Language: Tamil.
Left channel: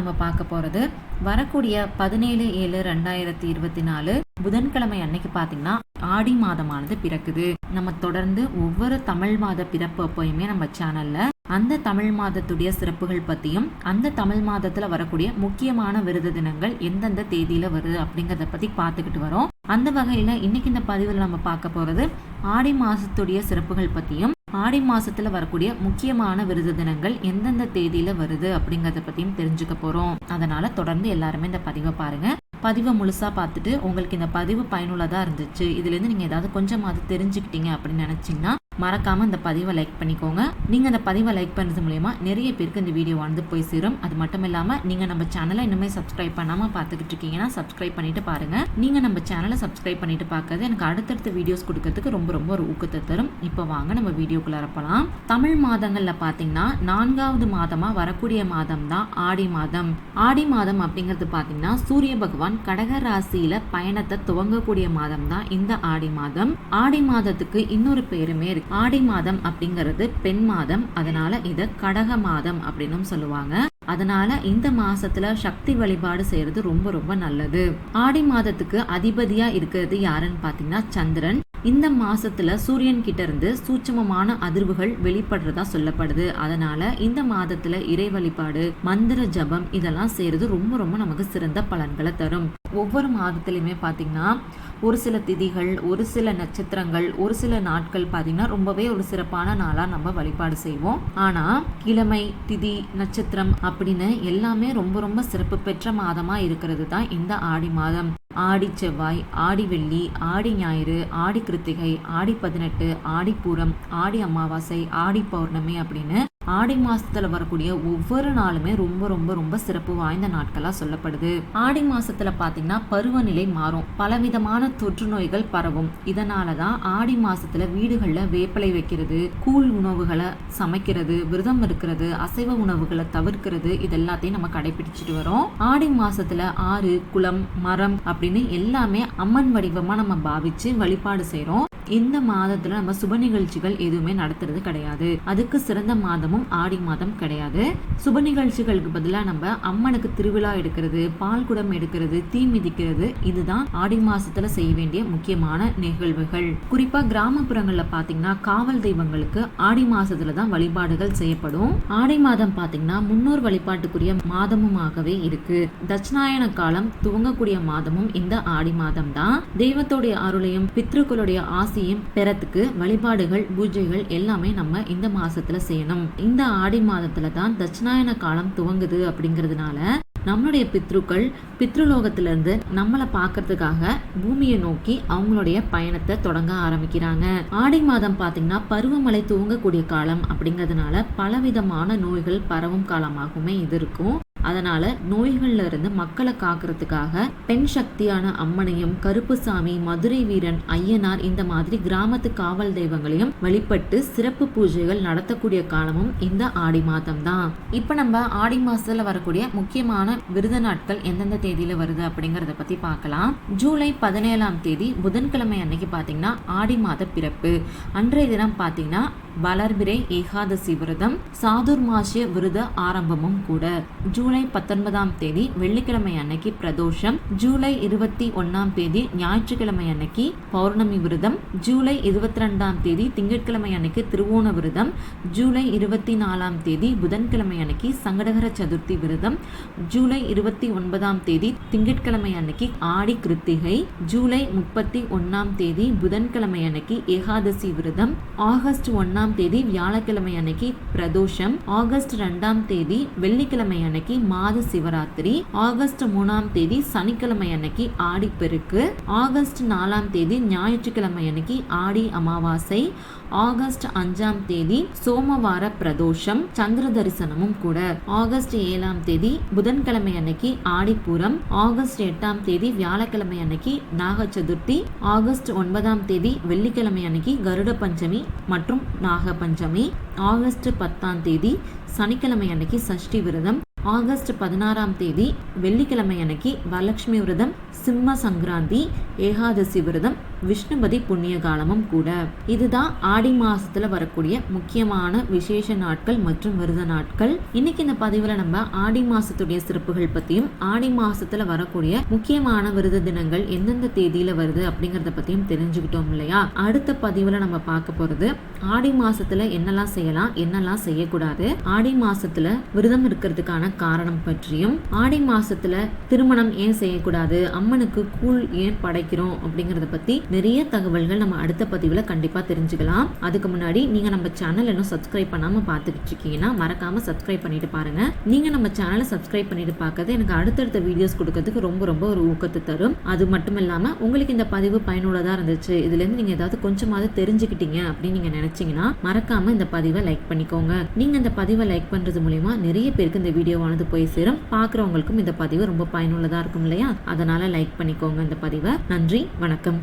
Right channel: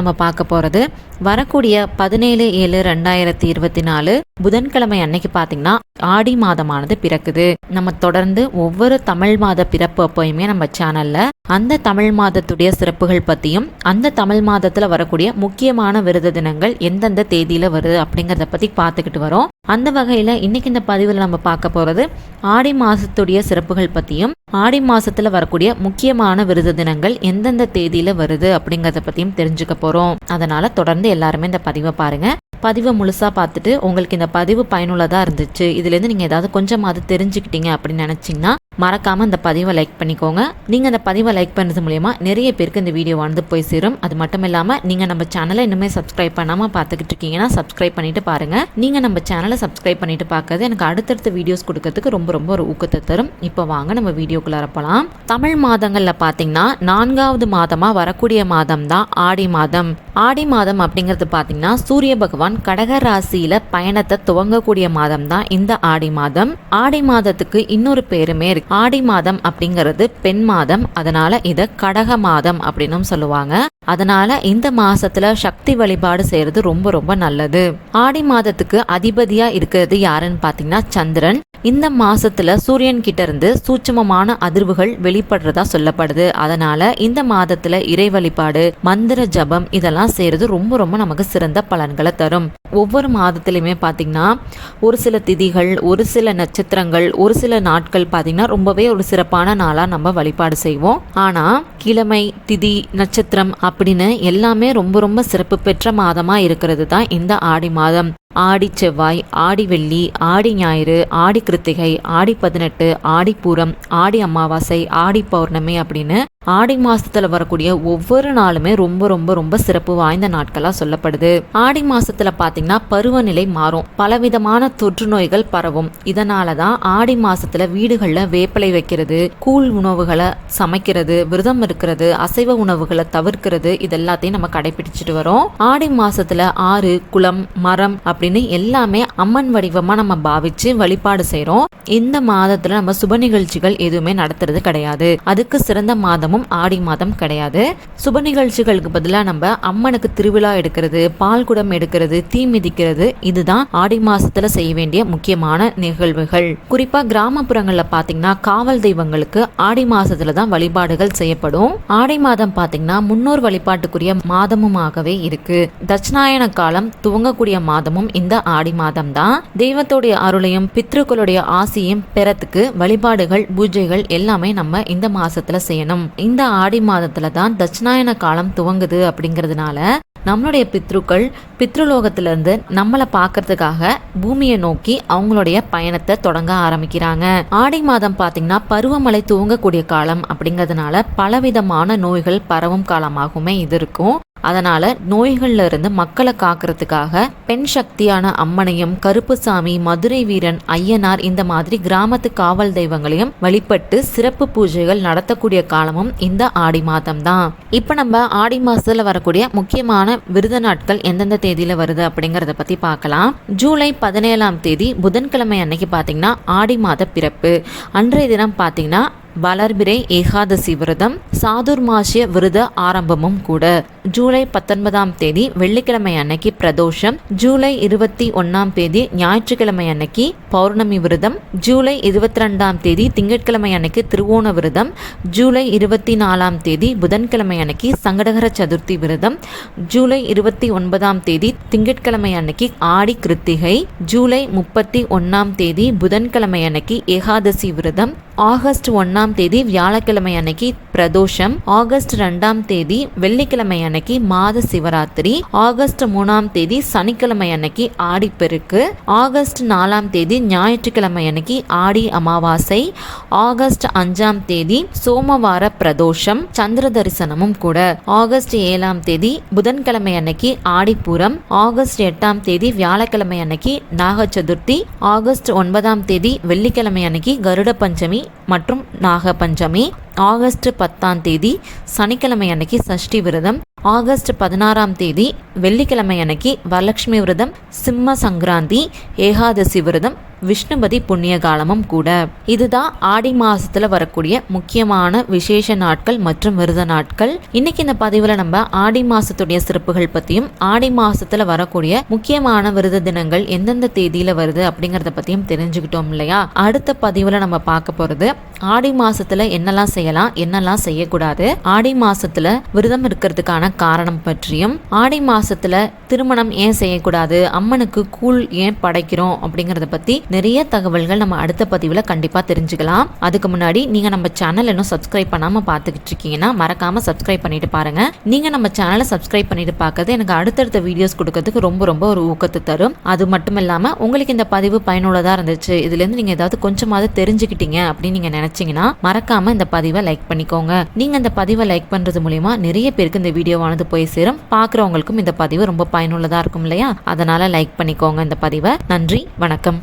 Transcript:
நம்ம பார்க்க போகிறது வரக்கூடிய 17/7/2024 புதன்கிழமை அன்னைக்கு பார்த்தீங்கன்னா ஆடி மாதமானது பிறக்குது. நம்ம தொடர்ந்து ஒவ்வொரு தமிழ் மாத பிறப்பு அப்போயுமே நம்ம சேனல்ல அந்த தமிழ் மாதத்துடைய சிறப்புகள் பற்றியும் அந்த தமிழ் மாதத்தில் வரக்கூடிய முக்கியமான விரத தினங்கள் எந்தெந்த தேதியில் வருது அப்படிங்கிறத பற்றி பார்த்துக்கிட்டு வரோம். அந்த வகையில் இன்னைக்கு இந்த பதிவில் நம்ம பார்க்க போகிறது ஆடி மாதத்துடைய சிறப்புகள் பற்றியும் ஆடி மாதத்தில் வரக்கூடிய முக்கியமான விரத தினங்கள் எந்தெந்த தேதியில் வருது அப்படிங்கிறத பற்றியும் தெரிஞ்சுக்க போகிறோம். அதனால் தொடர்ந்து எல்லாருமே இந்த பதிவை பாருங்கள். பதிவை முழுசாக பார்த்துட்டு உங்களுக்கு இந்த பதிவு பயனுள்ளதாக இருந்துச்சு, இதுலேருந்து நீங்கள் ஏதாவது கொஞ்சமாவது தெரிஞ்சுக்கிட்டீங்க அப்படின்னு நினச்சிங்கன்னா மறக்காமல் இந்த பதிவை லைக் பண்ணிக்கோங்க. நீங்கள் இந்த பதிவை லைக் பண்ணுறது மூலயமா நிறைய பேருக்கு இந்த வீடியோ வந்து போய் சேரும். அது மட்டும் இல்லாமல் நீங்கள் நம்ம சேனலை இன்னுமே சப்ஸ்கிரைப் பண்ணாமல் பார்த்துக்கிட்டு இருக்கீங்கன்னா சப்ஸ்கிரைப் பண்ணிட்டு பாருங்கள். நீங்கள் நம்ம சேனலை சப்ஸ்கிரைப் பண்ணிட்டு பார்க்கறது எனக்கு அடுத்தடுத்த வீடியோஸ் கொடுக்கறதுக்கு ரொம்ப ரொம்ப ஒரு ஊக்கத்தை தரும். இப்போ வாங்க நம்ம வீடியோக்குள்ளார போகலாம். தமிழ் மாதங்களில் பார்த்தீங்கன்னா 4வது மாதமாக வரக்கூடிய மாதம் தான் ஆடி மாதம். ஆடி மாதம் அப்படிங்கிறது பார்த்தீங்கன்னா சூரிய பகவான் கடக ராசியில பயணத்தை துவங்கக்கூடிய மாதம் தான் இந்த ஆடி மாதம். ஆடி மாதத்துக்கு இன்னொரு பேருமே இருக்கு. ஆடி மாதம் அப்படிங்கிறது பெண் மாதம், அதனால இத கடக மாதம் அப்படின்னு சொல்லுவாங்க. அதனால இந்த மாசத்துல சக்தி வழிபாடு செய்யறது ரொம்ப ரொம்ப நல்லது. ஆடி மாதத்துக்கு அதிபதியா இருக்கிறது யாருன்னு பாத்தீங்கன்னா சந்திரன். இந்த மாசத்துல சூரியன் கிட்ட இருந்து சூட்சமமான அதிர்வுகள் வெளிப்படுறதா சொல்லப்படுது. அதனால இந்த மாதத்துல இறை வழிபாடு, மந்திர ஜபம் இதெல்லாம் செய்யறது ரொம்ப ரொம்ப நமக்கு சிறந்த பலன்களை தரும். ஒவ்வொரு மாதத்திலுமே பாத்தீங்கன்னா ஒரு சில திதிகள், ஒரு சில நட்சத்திரங்கள், ஒரு சில நாட்கள் பாத்தீங்கன்னா ரொம்பவே ஒரு சிறப்பான நாளா நம்ம வழிபாடு செய்வோம். ஆனா கிழமை, திதி, நட்சத்திரம் அப்படின்னு எல்லாமே ரொம்ப ரொம்ப சிறப்பு பெற்ற மாதமா இருக்கிறது தான் இந்த ஆடி மாதம். ஆடி செவ்வாய், ஆடி வெள்ளி, ஆடி ஞாயிறு, ஆடி கிருத்திகை, ஆடி 18, ஆடி பூரம், ஆடி அமாவாசை, ஆடி பௌர்ணமி அப்படின்னு ஆடி மாசத்துல வரக்கூடிய ஒவ்வொரு நாளுமே ரொம்ப ரொம்ப ரொம்ப சிறப்பு வாய்ந்த நாட்களா சொல்லப்படுது. ஆடி மாசத்துல பாத்தீங்கன்னா பருவநிலை மாறும், பலவிதமான தொற்று நோய்கள் பரவும். இதனாலதான் ஆடி மாசத்துல வீடுகள்ல வேப்பிலை வைக்கிறது, கூழ் உணவுகளை சமைக்கிறது, விரதம் இருக்கிறது, அசைவ உணவுகளை தவிர்க்கிறது, இதெல்லாத்தையும் நம்ம கடைபிடிச்சிட்டு வரோம். ஆடி மாசத்துல ஆறு, குளம், மரம் அப்படின்னு எல்லாமே அம்மன் வடிவமா நம்ம பாவிச்சு வழிபாடு செய்யறோம். இந்த மாதத்துல நம்ம சுப நிகழ்ச்சிகள் எதுவுமே நடத்துறது கிடையாது. அதுக்கு சிறந்த மாதமும் ஆடி மாதம் கிடையாது. சுப நிகழ்ச்சிகளுக்கு பதிலா நம்ம அம்மனுக்கு திருவிழா எடுக்கிறது, பால் குடம் எடுக்கிறது, தீ மிதிக்கிறது, இதுதான் ஆடி மாசத்துல செய்ய வேண்டிய முக்கியமான நிகழ்வுகள். குறிப்பா கிராமப்புறங்கள்ல பாத்தீங்கன்னா காவல் தெய்வங்களுக்கு ஆடி மாசத்துல தான் வழிபாடுகள் செய்யப்படும். ஆடி மாதம் பாத்தீங்கன்னா முன்னோர் வழிபாட்டுக்குரிய மாதமுமாகவே இருக்கு. தட்சிணாயன காலம் துவங்கக்கூடிய மாதமும் இந்த ஆடி மாதம் தான். தெய்வத்துடைய அருளையும் பித்ருக்களுடைய ஆசையும் பெறத்துக்கு வழிபாடுகள், பூஜைகள் எல்லாமே நம்ம இந்த மாசத்துல செய்யணும். இந்த ஆடி மாதத்துல தான் தட்சிணாயன காலம் துவங்குது. அப்படிங்கிறதுனால நம்மளுடைய பித்ருக்கள் பித்ருலோகத்திலிருந்து நம்மளை பார்க்கறதுக்காக பூமியை நோக்கி அவங்களுடைய பயணத்தை தொடங்க ஆரம்பிக்கிறாங்க. ஆடி மாதம் பார்த்தீங்கன்னா பருவமழை துவங்கக்கூடிய காலம் அப்படிங்கிறதுனால பலவிதமான நோய்கள் பரவும் காலமாகவுமே இது இருக்கும். அதனால நோய்கள்ல இருந்து மக்களை காக்கிறதுக்காக பெண் சக்தியான அம்மனையும், கருப்புசாமி, மதுரை வீரன், ஐயனார் இந்த மாதிரி கிராமத்து காவல் தெய்வங்களையும் வழிபட்டு சிறப்பு பூஜைகள் நடத்தக்கூடிய காலமும் இந்த ஆடி மாதம் தான். இப்ப நம்ம ஆடி மாசத்துல வரக்கூடிய முக்கியமான விரத நாட்கள் எந்தெந்த தேதியில வருது அப்படிங்கறத பத்தி பார்க்கலாம். ஜூலை 17ஆம் தேதி புதன்கிழமை அன்னைக்கு பாத்தீங்கன்னா ஆடி மாத பிறப்பு. அன்றைய தினம் பாத்தீங்கன்னா வளர்பிறை ஏகாதசி விரதம், சாதுர்மாசிய விரத ஆரம்பமும் கூட. ஜூலை 19ஆம் தேதி வெள்ளிக்கிழமை அன்னைக்கு பிரதோஷம். ஜூலை 21ஆம் தேதி ஞாயிற்றுக்கிழமை அன்னைக்கு பௌர்ணமி விரதம். ஜூலை 22ஆம் தேதி திங்கட்கிழமை அன்னைக்கு திருவோண விரதம். ஜூலை 24ஆம் தேதி புதன்கிழமை அன்னைக்கு சங்கடகர சதுர்த்தி விரதம். ஜூலை 29ஆம் தேதி திங்கட்கிழமை அன்னைக்கு ஆடி கிருத்திகை. ஜூலை 31ஆம் தேதி புதன்கிழமை அன்னைக்கு ஏகாதசி விரதம். ஆகஸ்ட் 1ஆம் தேதி வியாழக்கிழமை அன்னைக்கு பிரதோஷம். ஆகஸ்ட் 2ஆம் தேதி வெள்ளிக்கிழமை அன்னைக்கு மாத சிவராத்திரி. ஆகஸ்ட் 3ஆம் தேதி சனிக்கிழமை அன்னைக்கு ஆடிப்பெருக்கு. ஆகஸ்ட் 4ஆம் தேதி ஞாயிற்றுக்கிழமை அன்னைக்கு ஆடி அமாவாசை. ஆகஸ்ட் 5ஆம் தேதி சோமவார பிரதோஷம், சந்திர தரிசனமும் கூட. ஆகஸ்ட் 7ஆம் தேதி புதன்கிழமை அன்னைக்கு ஆடிப்பூரம். ஆகஸ்ட் 8ஆம் தேதி வியாழக்கிழமை அன்னைக்கு நாக சதுர்த்தி. ஆகஸ்ட் 9ஆம் தேதி வெள்ளிக்கிழமை அன்னைக்கு கருட பஞ்சமி மற்றும் நாக பஞ்சமி. ஆகஸ்ட் 10ஆம் தேதி சனிக்கிழமை அன்னைக்கு சஷ்டி விரதம். ஆகஸ்ட் 16ஆம் தேதி வெள்ளிக்கிழமை அன்னைக்கு வரலட்சுமி விரதம், சிம்ம சங்கராந்தி, ஏகாதசி விரதம், விஷ்ணுபதி புண்ணிய காலமும் கூட. இதுதான் ஆடி மாசத்துல வரக்கூடிய முக்கியமான விசேஷ நாட்கள் மற்றும் விரத நாட்கள். இன்னைக்கு இந்த பதிவுல நம்ம ஆடி மாசத்துடைய சிறப்புகள் பத்தியும் ஆடி மாசத்துல வரக்கூடிய முக்கியமான விரத தினங்கள் எந்தெந்த தேதியில வருது அப்படிங்கறத பத்தியும் தெரிஞ்சுக்கிட்டோம் இல்லையா. அடுத்த பதிவுல நம்ம பார்க்க போறது ஆடி மாசத்துல என்னெல்லாம் செய்யலாம், என்னெல்லாம் செய்யக்கூடாது, ஆடி மாசத்துல விரதம் இருக்கிறதுக்கான காரணம் பற்றியும், ஆடி மாசத்துல திருமணம் ஏன் செய்யக்கூடாது, அம்மனுக்கு கூழ் ஏன் படைக்கிறோம் அப்படிங்கறத பத்தி நிறைய தகவல்கள் நம்ம அடுத்த பதிவுல கண்டிப்பா தெரிஞ்சுக்கலாம். அதுக்கு முன்னாடி நீங்க நம்ம சேனல் இன்னும் சப்ஸ்கிரைப் பண்ணாம பாத்துக்கிட்டு இருக்கீங்கன்னா மறக்காம சப்ஸ்கிரைப் பண்ணிட்டு பாருங்க. நீங்க நம்ம சேனலை சப்ஸ்கிரைப் பண்ணிட்டு பார்க்கறது எனக்கு அடுத்தடுத்த வீடியோஸ் கொடுக்கறதுக்கு ரொம்ப ரொம்ப ஒரு ஊக்கத்தை தரும். அது மட்டும் இல்லாம உங்களுக்கு இந்த பதிவு பயனுள்ளதா இருந்துச்சு, இதுல இருந்து நீங்க ஏதாவது கொஞ்சமாவது தெரிஞ்சுக்கிட்டீங்க அப்படின்னு நீங்க நினைச்சீங்கன்னா மறக்காம இந்த பதிவை லைக் பண்ணிக்கோங்க. நீங்க இந்த பதிவை லைக் பண்றது மூலியமா நிறைய பேருக்கு இந்த வீடியோவானது போய் சேரும். பாக்குறவங்களுக்கும் இந்த பதிவு ரொம்ப பயனுள்ளதா இருக்கும் இல்லையா. அதனால லைக் பண்ணிக்கோங்க இந்த பதிவை. நன்றி, வணக்கம்.